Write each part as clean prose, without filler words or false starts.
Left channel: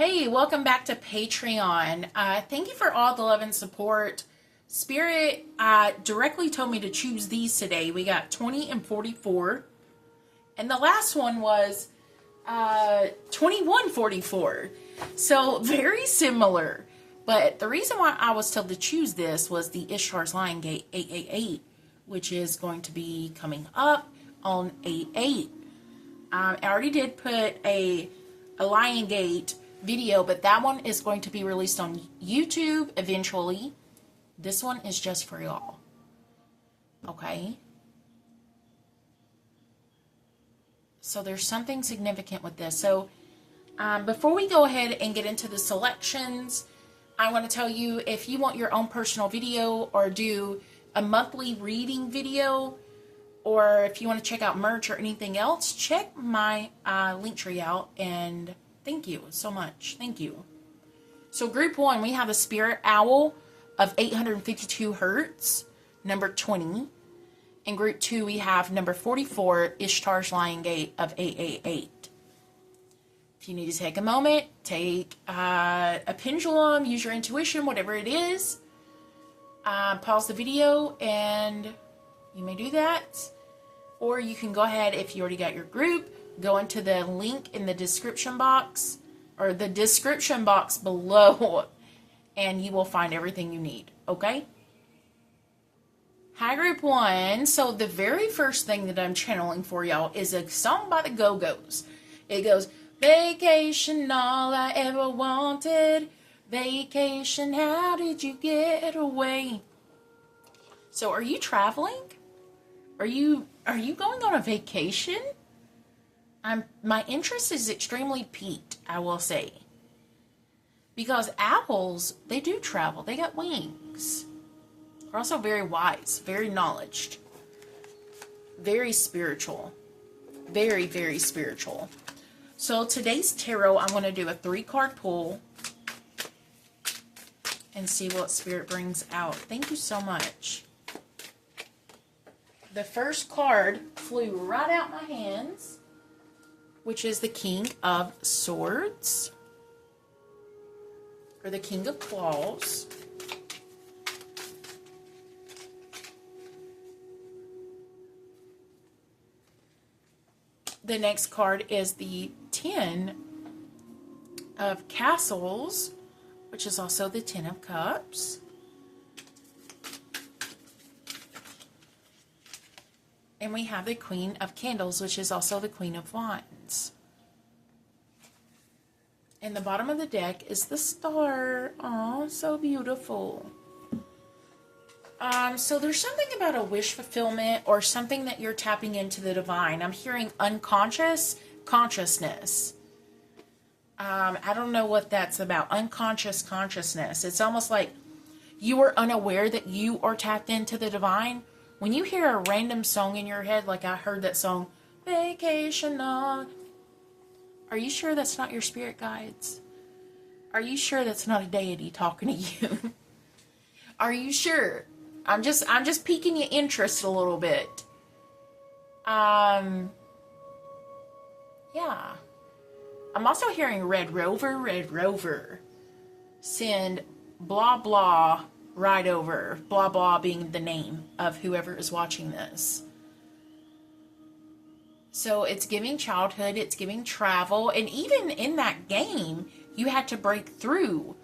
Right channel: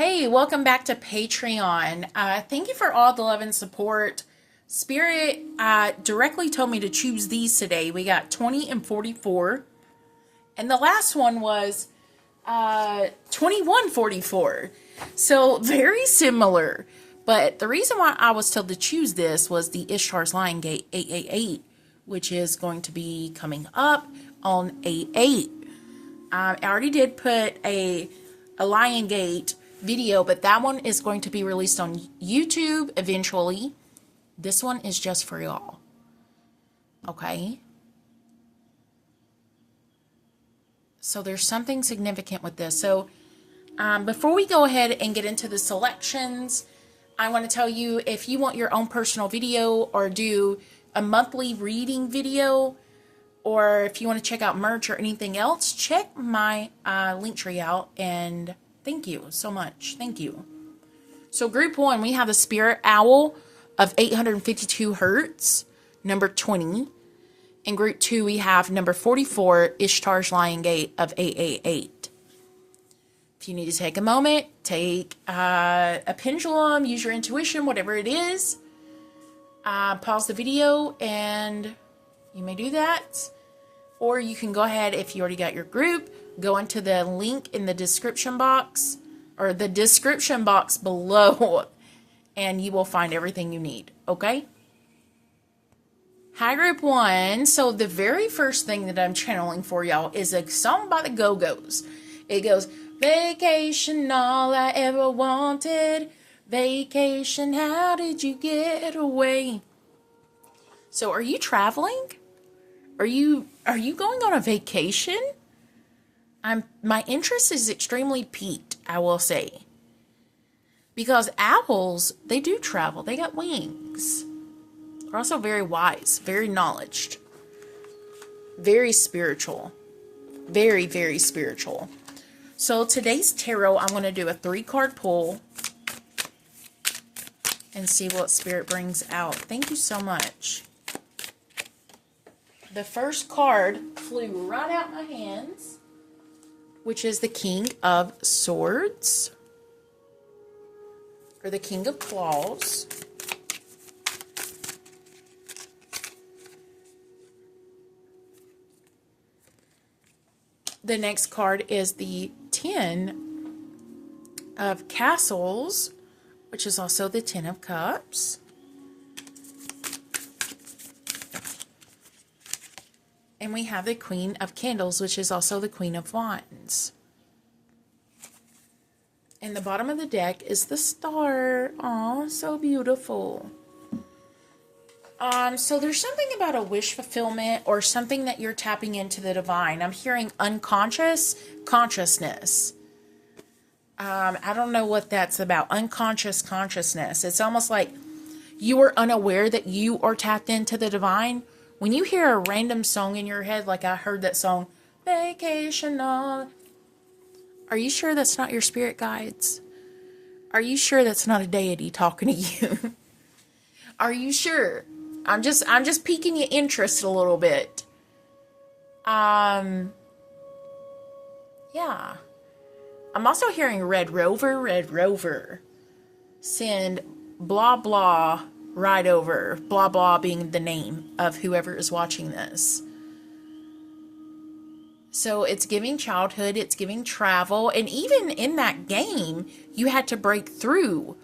Hey, welcome back to Patreon. Thank you for all the love and support. Spirit directly told me to choose these today. We got 20 and 44. And the last one was 2144. So very similar. But the reason why I was told to choose this was the Ishtar's Lion Gate 888, which is going to be coming up on 8/8. I already did put a Lion Gate video, but that one is going to be released on YouTube eventually. This one is just for y'all. Okay? So there's something significant with this. So before we go ahead and get into the selections, I want to tell you, if you want your own personal video or do a monthly reading video, or if you want to check out merch or anything else, check my link tree out. And thank you so much. Thank you. So group 1, we have the Spirit Owl of 852 hertz, number 20. In group 2, we have number 44, Ishtar's Lion Gate of 888. If you need to take a moment, take a pendulum, use your intuition, whatever it is. Pause the video and you may do that. Or you can go ahead, if you already got your group, go into the link in the description box, or the description box below, and you will find everything you need, okay? Hi, group 1. So the very first thing that I'm channeling for y'all is a song by the Go-Go's. It goes, vacation, all I ever wanted. Vacation, how did you get away? So are you traveling? Are you going on a vacation? My interest is extremely piqued, I will say. Because owls, they do travel. They got wings. They're also very wise, very knowledged, very spiritual. Very, very spiritual. So today's tarot, I'm going to do a 3-card pull and see what Spirit brings out. Thank you so much. The first card flew right out my hands, which is the King of Swords, or the King of Claws. The next card is the 10 of Castles, which is also the 10 of Cups. And we have the Queen of Candles, which is also the Queen of Wands. And the bottom of the deck is the Star. Aw, so beautiful. So there's something about a wish fulfillment or something that you're tapping into the divine. I'm hearing unconscious consciousness. I don't know what that's about. Unconscious consciousness. It's almost like you are unaware that you are tapped into the divine. When you hear a random song in your head, like I heard that song, Vacation on. Are you sure that's not your spirit guides? Are you sure that's not a deity talking to you? Are you sure? I'm just piquing your interest a little bit. Yeah. I'm also hearing Red Rover. Send blah blah right over. Blah blah being the name of whoever is watching this. So it's giving childhood, it's giving travel, and even in that game, you had to break through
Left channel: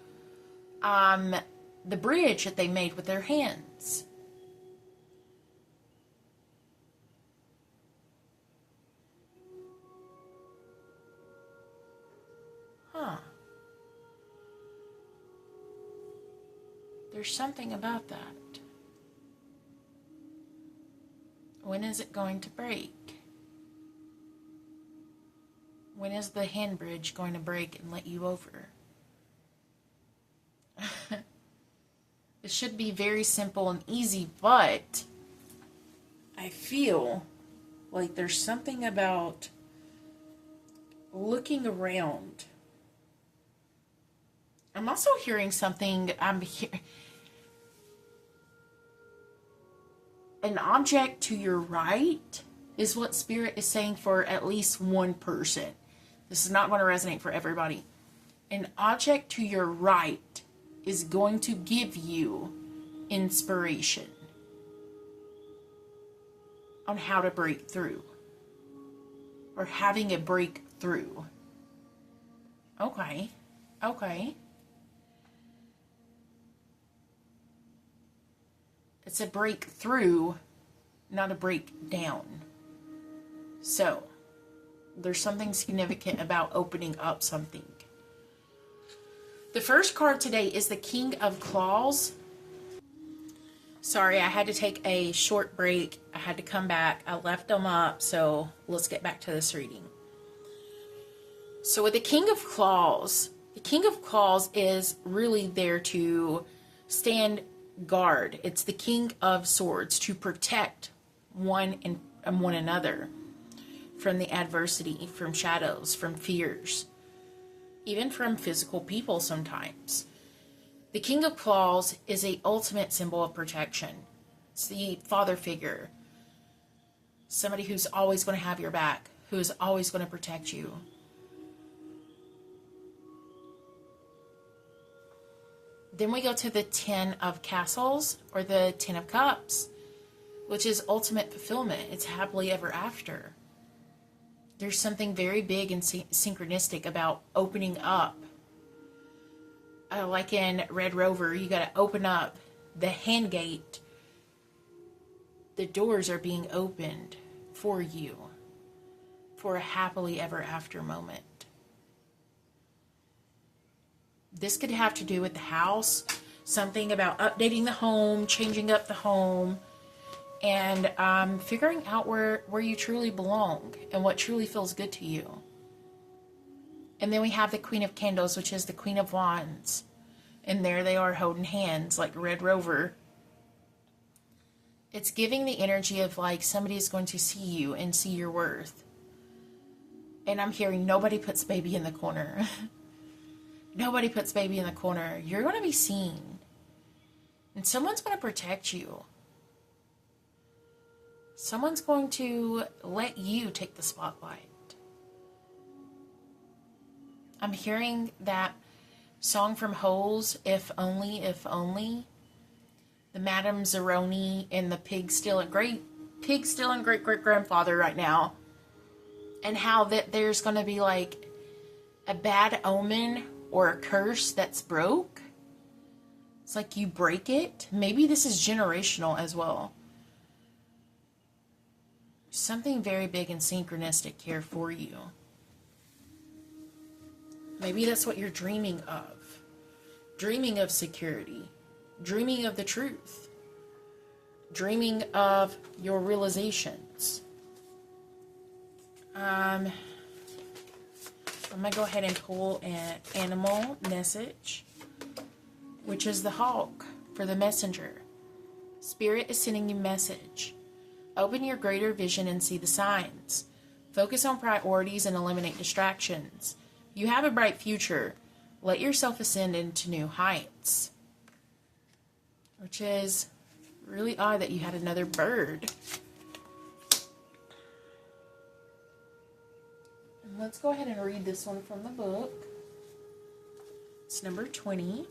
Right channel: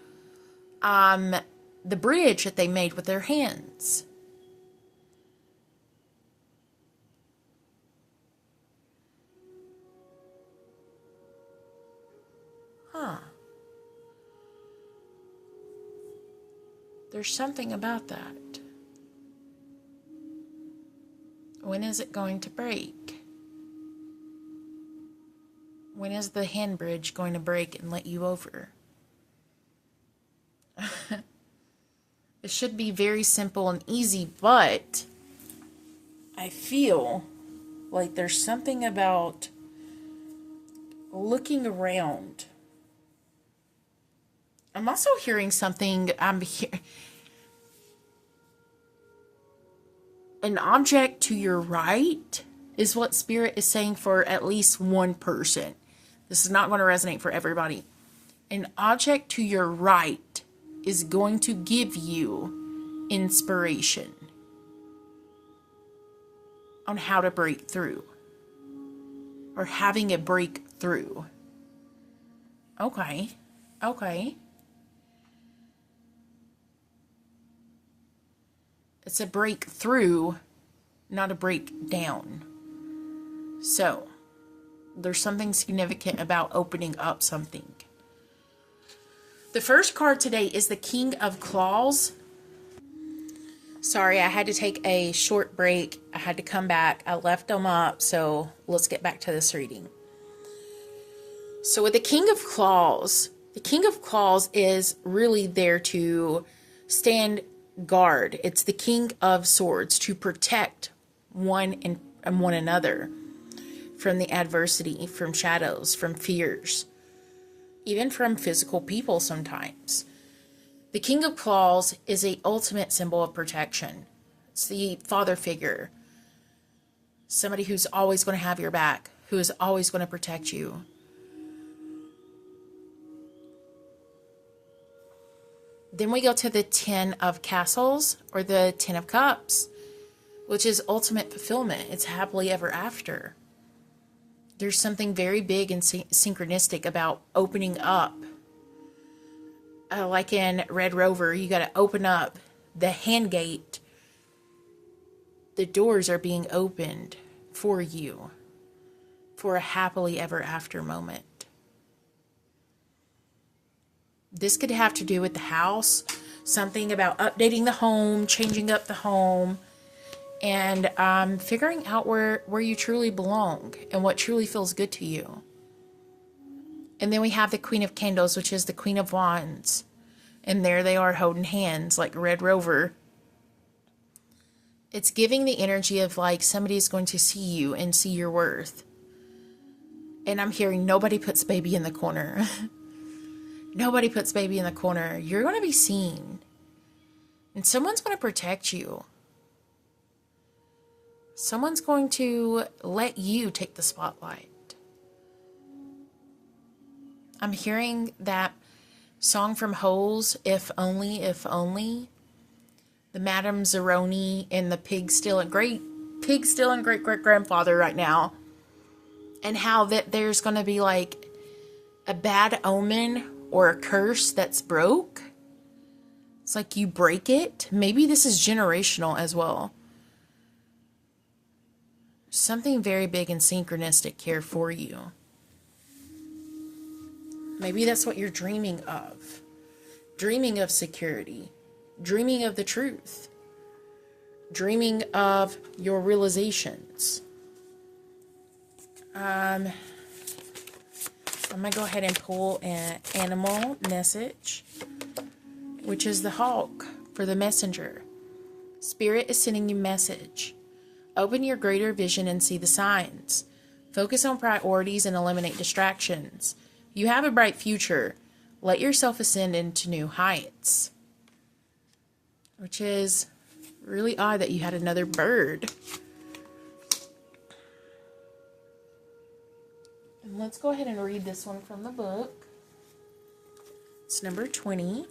the bridge that they made with their hands. Huh. There's something about that. When is it going to break? When is the hand bridge going to break and let you over? It should be very simple and easy, but I feel like there's something about looking around. I'm also hearing something. An object to your right is what Spirit is saying for at least one person. This is not going to resonate for everybody. An object to your right is going to give you inspiration on how to break through, or having a breakthrough. Okay. It's a breakthrough, not a breakdown. So, there's something significant about opening up something. The first card today is the King of Claws. Sorry, I had to take a short break. I had to come back. I left them up, so let's get back to this reading. So with the King of Claws is really there to stand guard. It's the King of Swords, to protect one another from the adversity, from shadows, from fears, even from physical people sometimes. The King of Claws is a ultimate symbol of protection. It's the father figure, somebody who's always going to have your back, who is always going to protect you. Then we go to the Ten of Castles, or the Ten of Cups, which is ultimate fulfillment. It's happily ever after. There's something very big and synchronistic about opening up. Like in Red Rover, you got to open up the hand gate. The doors are being opened for you for a happily ever after moment. This could have to do with the house, something about updating the home, changing up the home, and figuring out where you truly belong and what truly feels good to you. And then we have the Queen of Candles, which is the Queen of Wands. And there they are holding hands like Red Rover. It's giving the energy of like somebody is going to see you and see your worth. And I'm hearing nobody puts baby in the corner. Nobody puts baby in the corner. You're going to be seen. And someone's going to protect you. Someone's going to let you take the spotlight. I'm hearing that song from Holes, If Only, If Only. The Madame Zeroni and the pig still and great grandfather right now. And how that there's going to be like a bad omen or a curse that's broke. It's like you break it. Maybe this is generational as well. Something very big and synchronistic here for you. Maybe that's what you're dreaming of. Dreaming of security. Dreaming of the truth. Dreaming of your realizations. I'm going to go ahead and pull an animal message, which is the hawk for the messenger. Spirit is sending you a message. Open your greater vision and see the signs. Focus on priorities and eliminate distractions. You have a bright future. Let yourself ascend into new heights. Which is really odd that you had another bird. And let's go ahead and read this one from the book. It's number 20.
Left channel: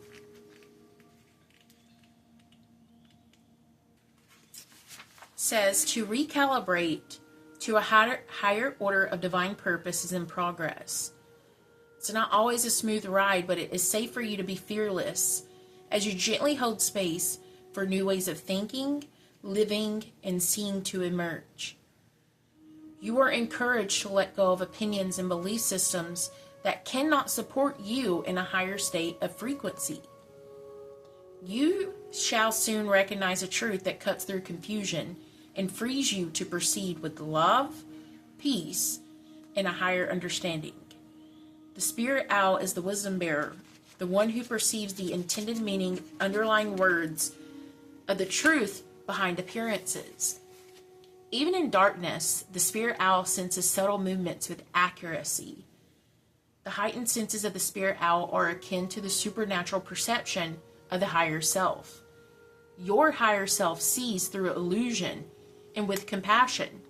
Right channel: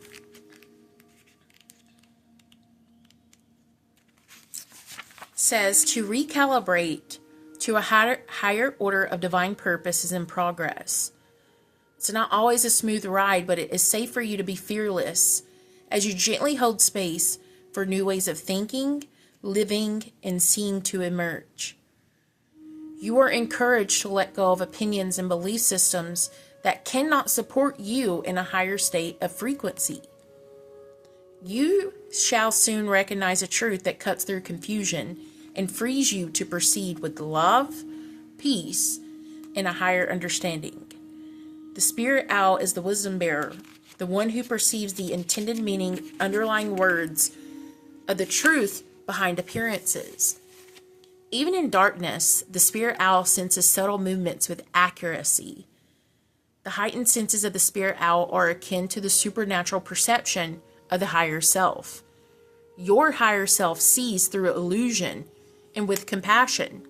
Says to recalibrate to a higher order of divine purpose is in progress. It's not always a smooth ride, but it is safe for you to be fearless as you gently hold space for new ways of thinking, living, and seeing to emerge. You are encouraged to let go of opinions and belief systems that cannot support you in a higher state of frequency. You shall soon recognize a truth that cuts through confusion and frees you to proceed with love, peace, and a higher understanding. The spirit owl is the wisdom bearer, the one who perceives the intended meaning, underlying words of the truth behind appearances. Even in darkness, the spirit owl senses subtle movements with accuracy. The heightened senses of the spirit owl are akin to the supernatural perception of the higher self. Your higher self sees through illusion and with compassion.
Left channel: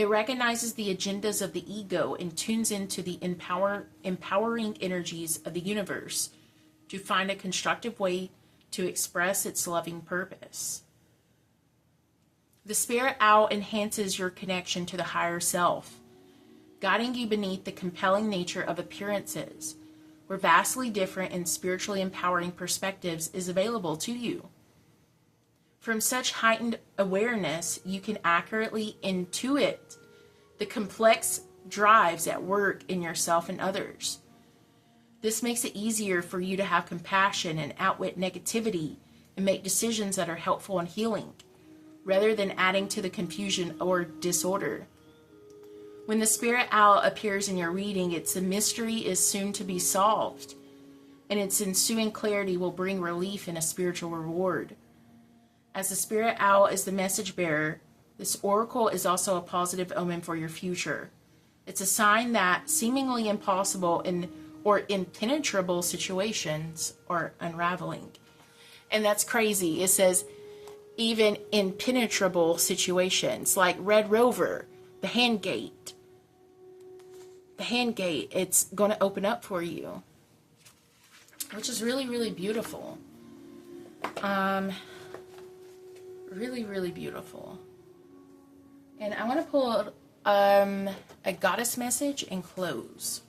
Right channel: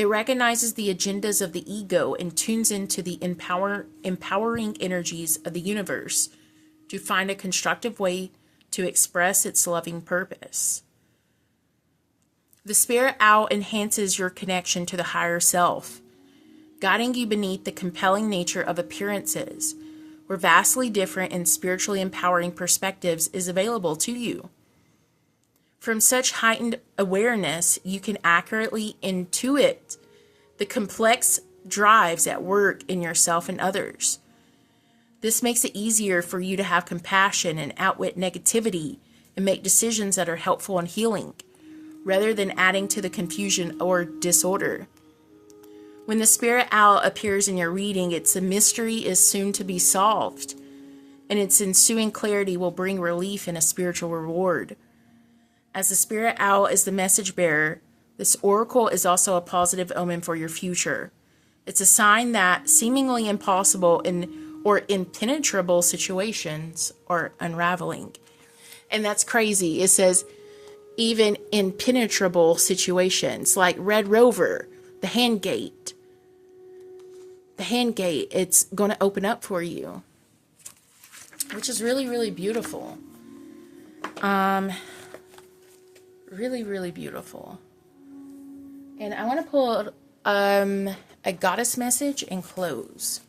It recognizes the agendas of the ego and tunes into the empowering energies of the universe to find a constructive way to express its loving purpose. The spirit owl enhances your connection to the higher self, guiding you beneath the compelling nature of appearances, where vastly different and spiritually empowering perspectives is available to you. From such heightened awareness, you can accurately intuit the complex drives at work in yourself and others. This makes it easier for you to have compassion and outwit negativity and make decisions that are helpful and healing, rather than adding to the confusion or disorder. When the spirit owl appears in your reading, its mystery is soon to be solved, and its ensuing clarity will bring relief and a spiritual reward. As the spirit owl is the message bearer, this oracle is also a positive omen for your future. It's a sign that seemingly impossible or impenetrable situations are unraveling. And that's crazy. It says even impenetrable situations, like Red Rover, the hand gate. The hand gate, it's going to open up for you, which is really, really beautiful. Really, really beautiful. And I want to pull a goddess message and close.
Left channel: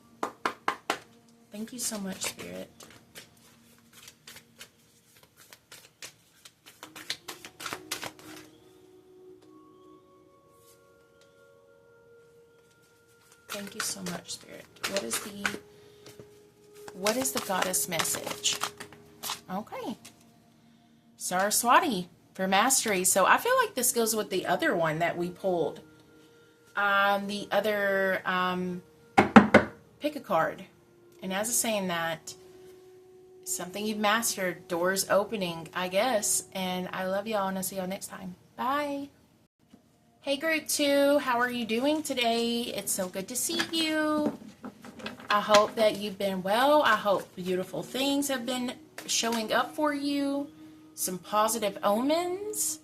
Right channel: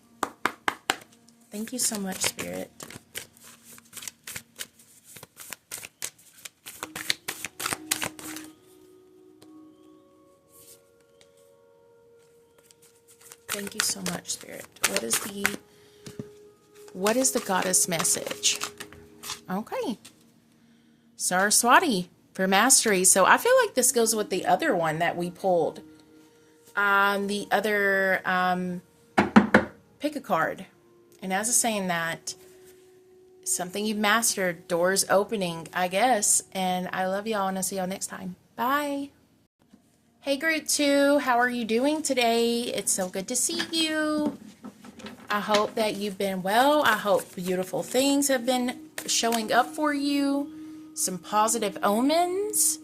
Thank you so much, Spirit. Thank you so much, Spirit. What is the goddess message? Okay. Saraswati for mastery. So I feel like this goes with the other one that we pulled. The other pick a card. And as I'm saying that, something you've mastered, doors opening, I guess. And I love y'all, and I'll see y'all next time. Bye. Hey, Group 2, how are you doing today? It's so good to see you. I hope that you've been well. I hope beautiful things have been showing up for you. Some positive omens.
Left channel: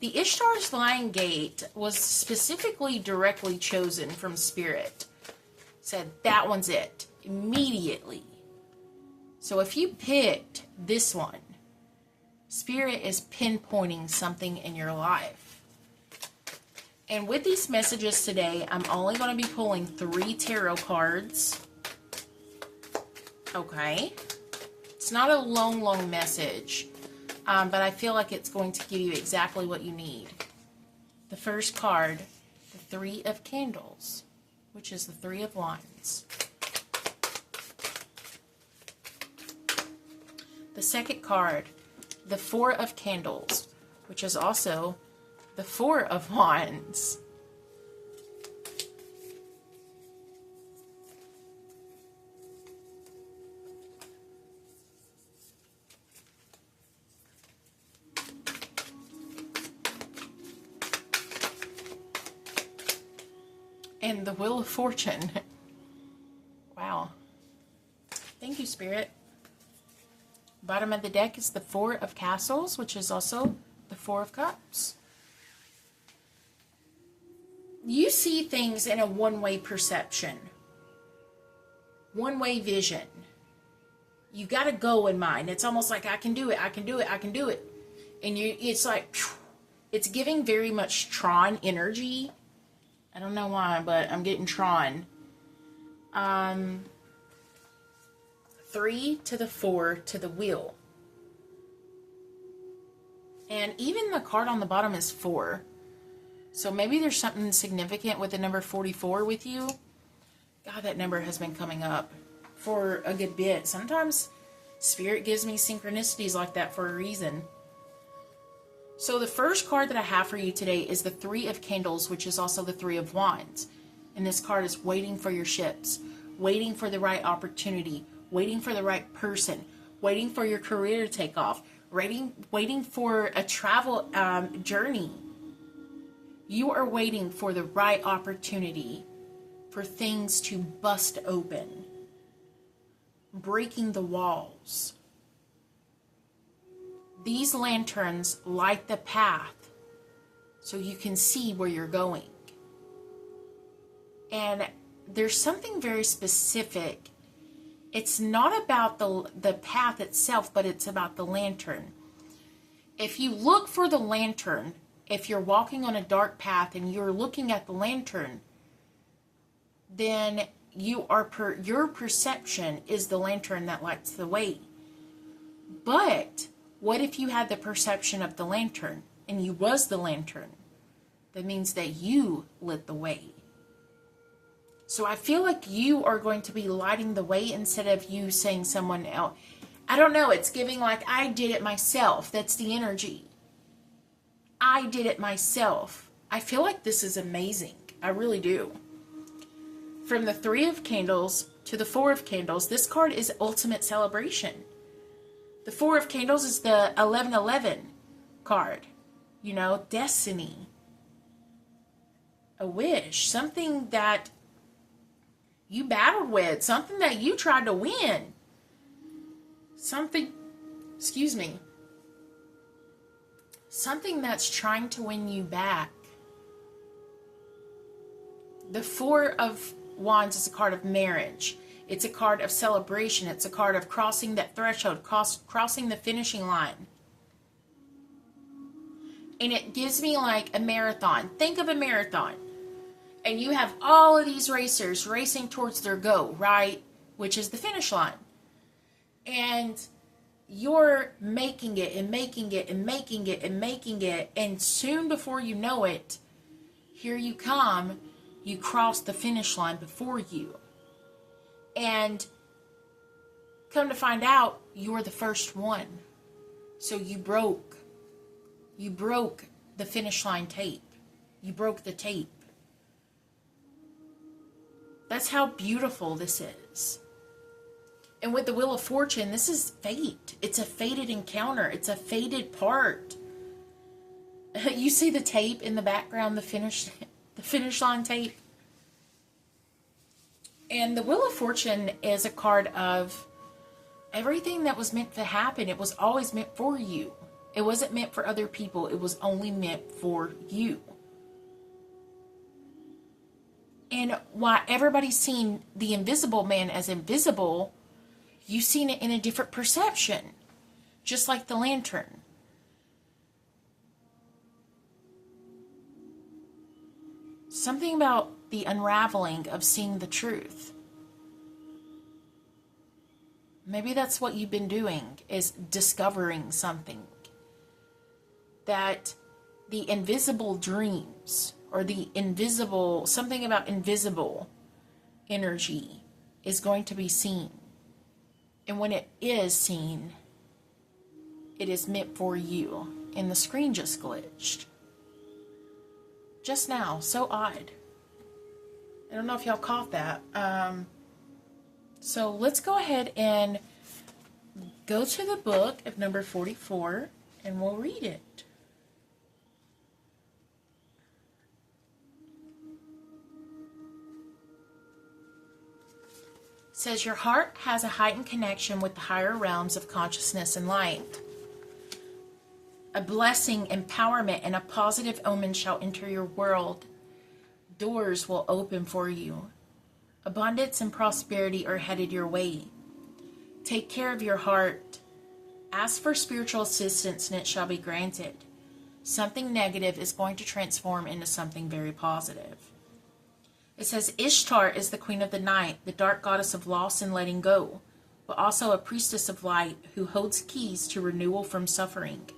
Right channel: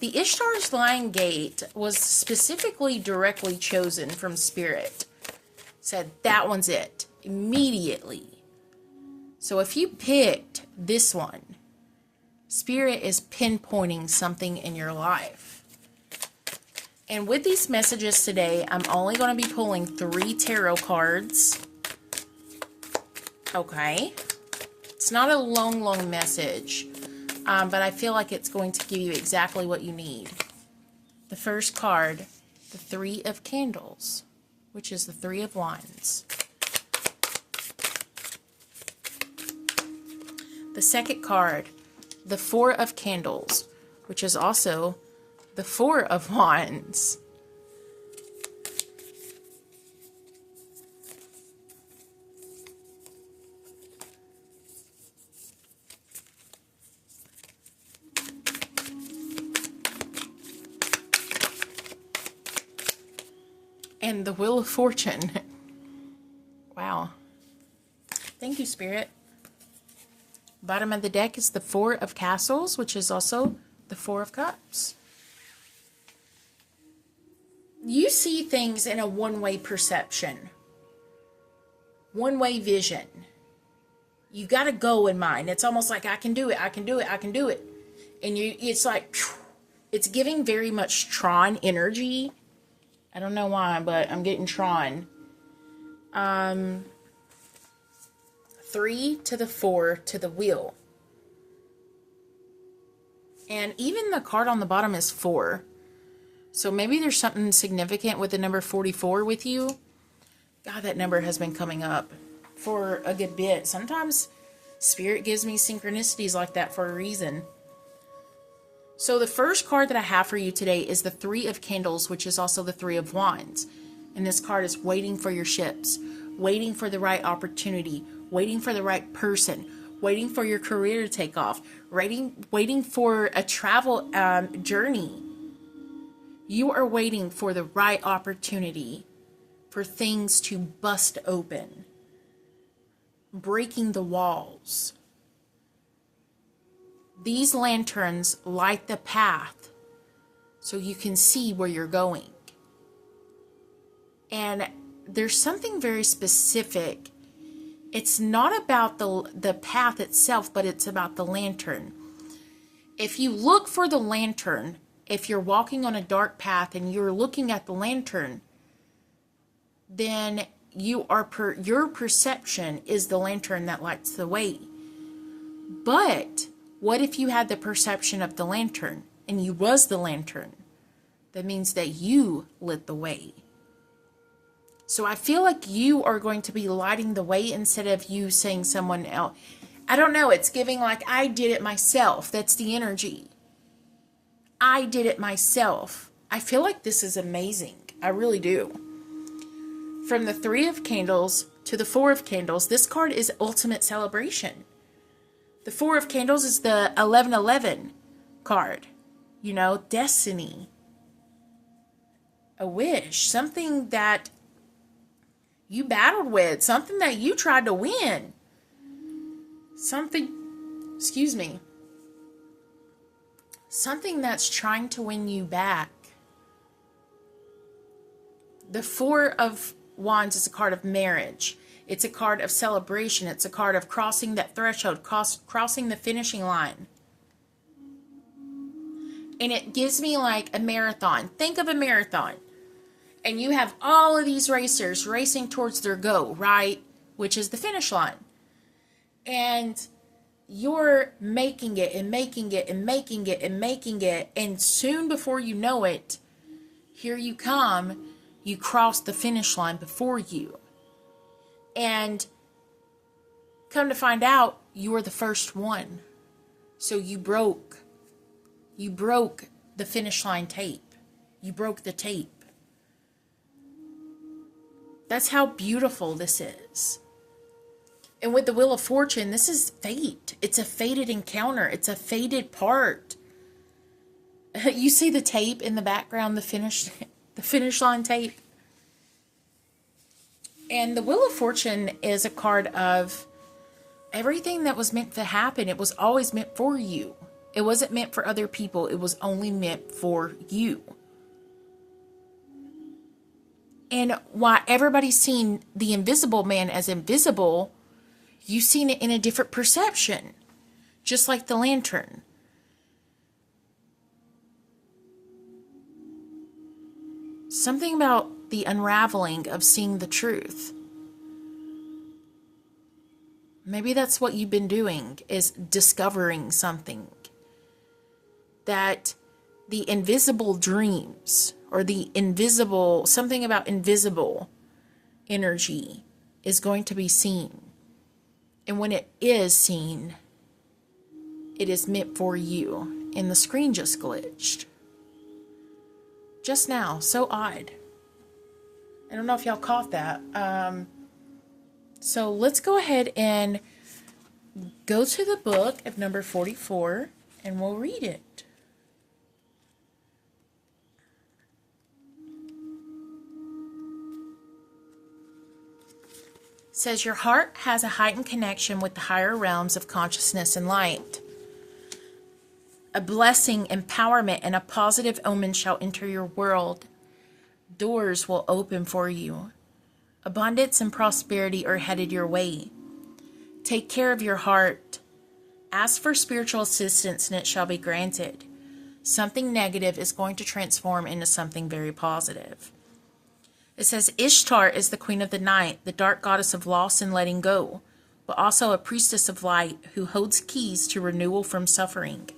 The Ishtar's Lion Gate was specifically directly chosen from Spirit. Said that one's it immediately. So if you picked this one, Spirit is pinpointing something in your life. And with these messages today, I'm only going to be pulling 3 tarot cards. Okay. It's not a long message, but I feel like it's going to give you exactly what you need. The first card, the 3 of Candles, which is the 3 of Wands. The second card, the 4 of Candles, which is also the 4 of Wands. And the Wheel of Fortune. Wow. Thank you, Spirit. Bottom of the deck is the 4 of Castles, which is also the 4 of Cups. You see things in a one-way perception. One-way vision. You got to go in mind. It's almost like, I can do it, I can do it, I can do it. And it's like, it's giving very much Tron energy. I don't know why, but I'm getting Tron. 3 to the 4 to the wheel. And even the card on the bottom is 4. So maybe there's something significant with the number 44 with you. God, that number has been coming up for a good bit. Sometimes Spirit gives me synchronicities like that for a reason. So the first card that I have for you today is the 3 of Candles, which is also the 3 of Wands. And this card is waiting for your ships, waiting for the right opportunity, waiting for the right person, waiting for your career to take off, waiting for a travel journey. You are waiting for the right opportunity, for things to bust open, breaking the walls. These lanterns light the path so you can see where you're going. And there's something very specific. It's not about the path itself, but it's about the lantern. If you look for the lantern, if you're walking on a dark path and you're looking at the lantern, then your perception is the lantern that lights the way. But what if you had the perception of the lantern and you was the lantern? That means that you lit the way. So I feel like you are going to be lighting the way instead of you saying someone else. I don't know. It's giving like I did it myself. That's the energy. I did it myself. I feel like this is amazing. I really do. From the 3 of Candles to the 4 of Candles, this card is ultimate celebration. The 4 of Candles is the 1111 card. You know, destiny. A wish. Something that you battled with. Something that you tried to win. Something that's trying to win you back. The 4 of Wands is a card of marriage. It's a card of celebration. It's a card of crossing that threshold, crossing the finishing line. And it gives me like a marathon. Think of a marathon. And you have all of these racers racing towards their goal, right? Which is the finish line. And you're making it and making it and making it and making it. And soon before you know it, here you come. You cross the finish line before you. And come to find out, you were the first one. So you broke the finish line tape. You broke the tape. That's how beautiful this is. And with the Wheel of Fortune, this is fate. It's a fated encounter. It's a fated part. You see the tape in the background, the finish line tape. And the Wheel of Fortune is a card of everything that was meant to happen. It was always meant for you. It wasn't meant for other people. It was only meant for you. And while everybody's seen the Invisible Man as invisible, you've seen it in a different perception. Just like the lantern. Something about the unraveling of seeing the truth. Maybe that's what you've been doing, is discovering something. That the invisible dreams, or the invisible, something about invisible energy is going to be seen. And when it is seen, it is meant for you. And the screen just glitched. Just now. So odd. I don't know if y'all caught that. So let's go ahead and go to the book of number 44 and we'll read it. It says, your heart has a heightened connection with the higher realms of consciousness and light. A blessing, empowerment, and a positive omen shall enter your world. Doors will open for you. Abundance and prosperity are headed your way. Take care of your heart. Ask for spiritual assistance and it shall be granted. Something negative is going to transform into something very positive. It says, Ishtar is the queen of the night, the dark goddess of loss and letting go, but also a priestess of light who holds keys to renewal from suffering.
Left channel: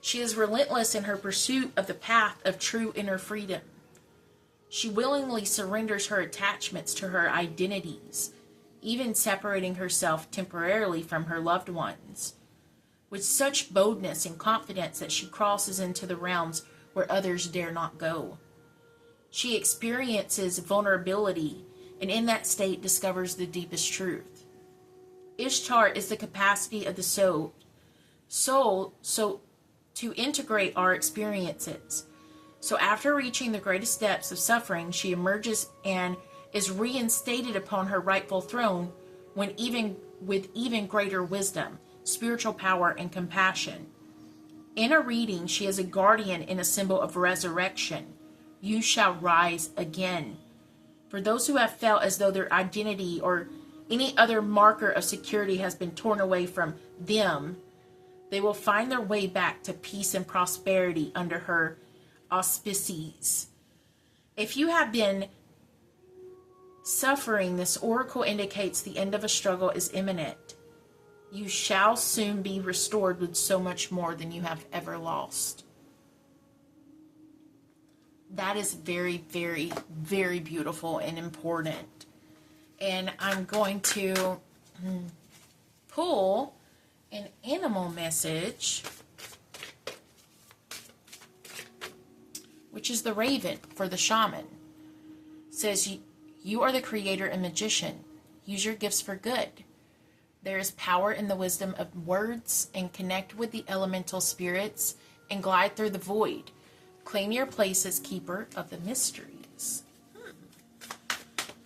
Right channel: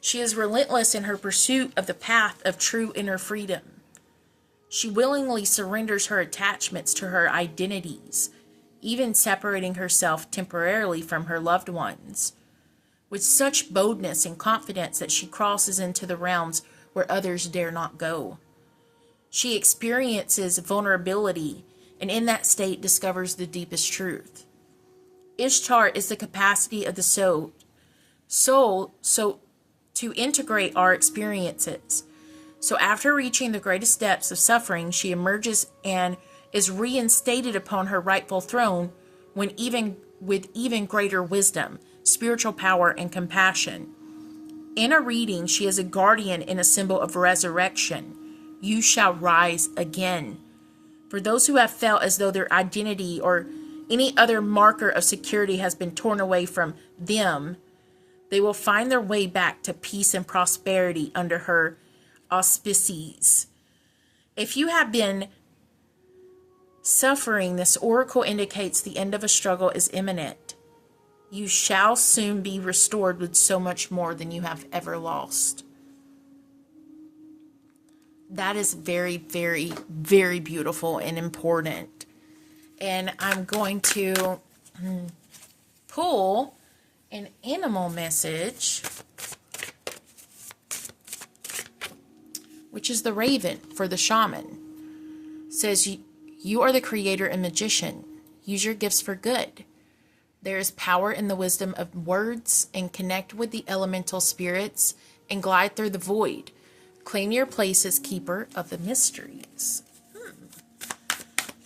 She is relentless in her pursuit of the path of true inner freedom. She willingly surrenders her attachments to her identities, even separating herself temporarily from her loved ones, with such boldness and confidence that she crosses into the realms where others dare not go. She experiences vulnerability, and in that state discovers the deepest truth. Ishtar is the capacity of the soul to integrate our experiences. So after reaching the greatest depths of suffering, she emerges and is reinstated upon her rightful throne with even greater wisdom, spiritual power, and compassion. In a reading, she is a guardian and a symbol of resurrection. You shall rise again. For those who have felt as though their identity or any other marker of security has been torn away from them, they will find their way back to peace and prosperity under her auspices. If you have been suffering, this oracle indicates the end of a struggle is imminent. You shall soon be restored with so much more than you have ever lost. That is very, very, very beautiful and important. And I'm going to pull an animal message, which is the raven for the shaman. It says, you are the creator and magician. Use your gifts for good. There is power in the wisdom of words, and connect with the elemental spirits and glide through the void. Claim your place as keeper of the mysteries.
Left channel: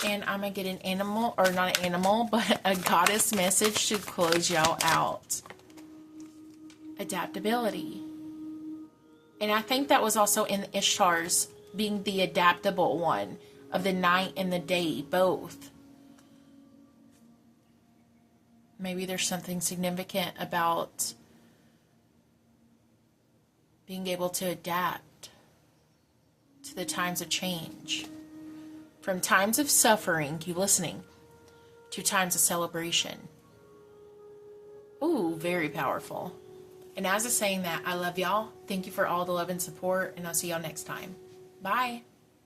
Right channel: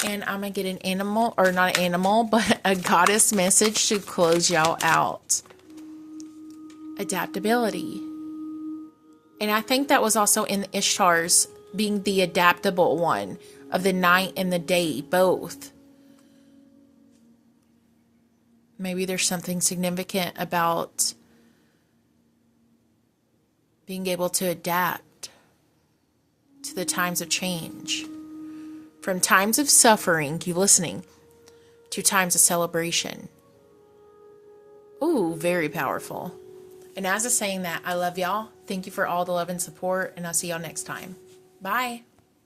And I'm going to get an animal, or not an animal, but a goddess message to close y'all out. Adaptability. And I think that was also in the Ishtar's being the adaptable one of the night and the day, both. Maybe there's something significant about being able to adapt to the times of change. From times of suffering, keep listening, to times of celebration. Ooh, very powerful. And as I'm saying that, I love y'all. Thank you for all the love and support, and I'll see y'all next time. Bye.